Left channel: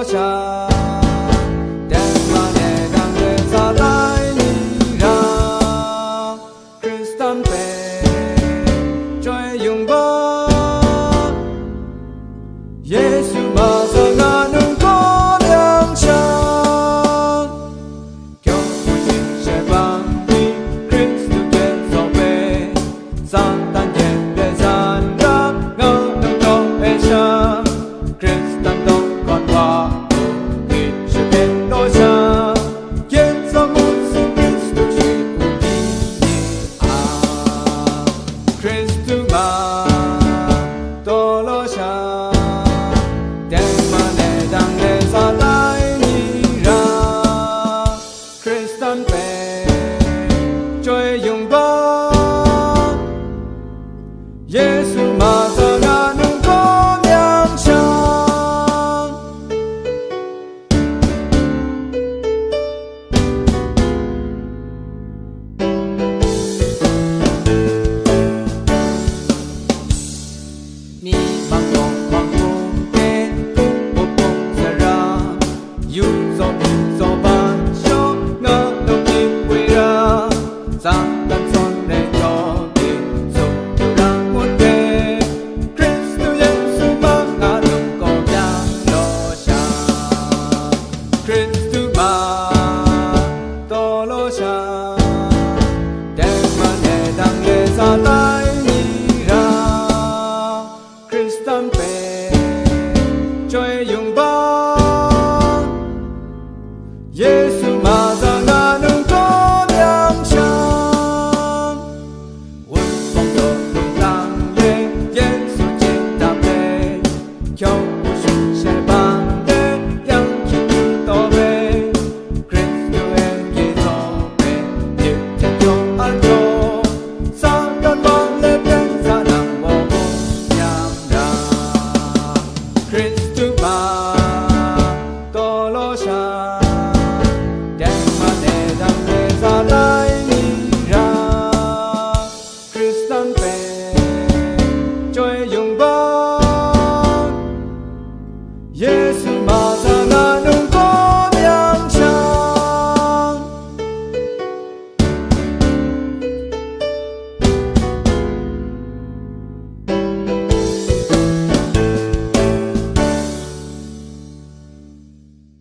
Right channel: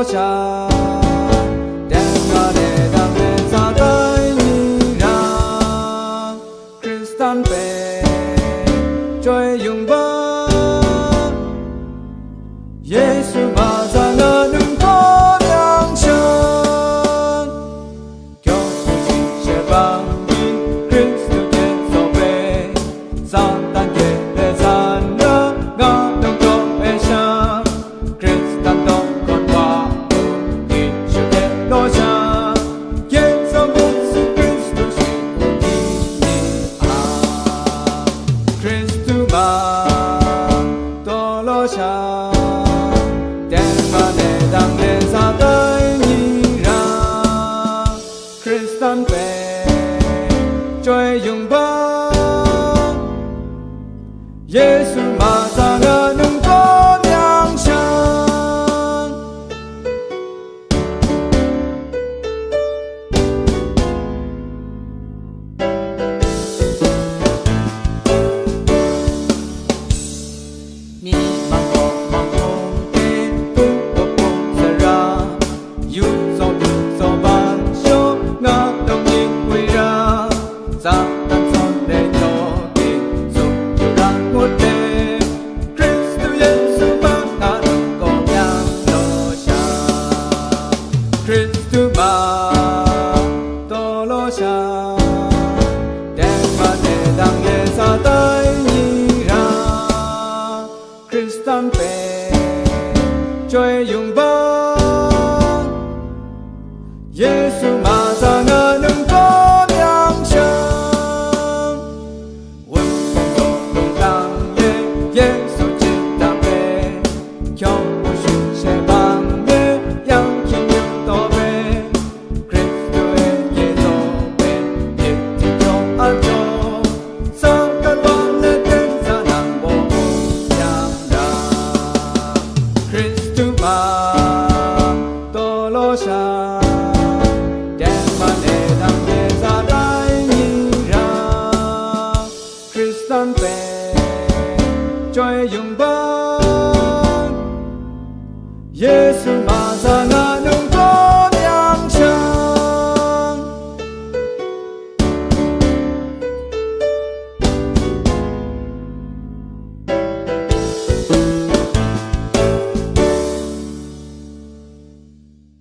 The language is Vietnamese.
lo xa đem mà để đang để ra tay nhị ra Christian về chơi dùng ba Giêsu mà ra ngã nung có nhang sáng cho vui chỉ sẽ bằng đi Christu Giêsu về Satan về để gian ra ngã nung có e sáng Christian đó còn qua khi sự thế lo xa Giêsu musu Christu chỉ ugi ni a Christu mà to lo xa đang lệ ra tay nhị ra Christian về chơi dùng ba Giêsu mà ra ngã nung có nhang sáng ni mang công you so be so ban show nga đông nhịp quay ra sa tan son để cho kỳ sung chiều ra ngôn về Christu Giêsu mang ngã đông có nhang lo xa Christu mà to lo xa đem mà để đang lệ ra tay nhị ra Christian về chơi dùng ba Giêsu mà ra ngã nung có nhang sáng quân phong độ đông tăng lê Giêsu chết đạp lê cho của sự sẽ bằng đế yang khi như to về Christu Giêsu về việc thiên cho an cho Satan vang lên tên ra nặng vô cùng giam ra Christu mà to lo xa đang lệ ra tay nhị ra Christian về chơi dùng ba Giêsu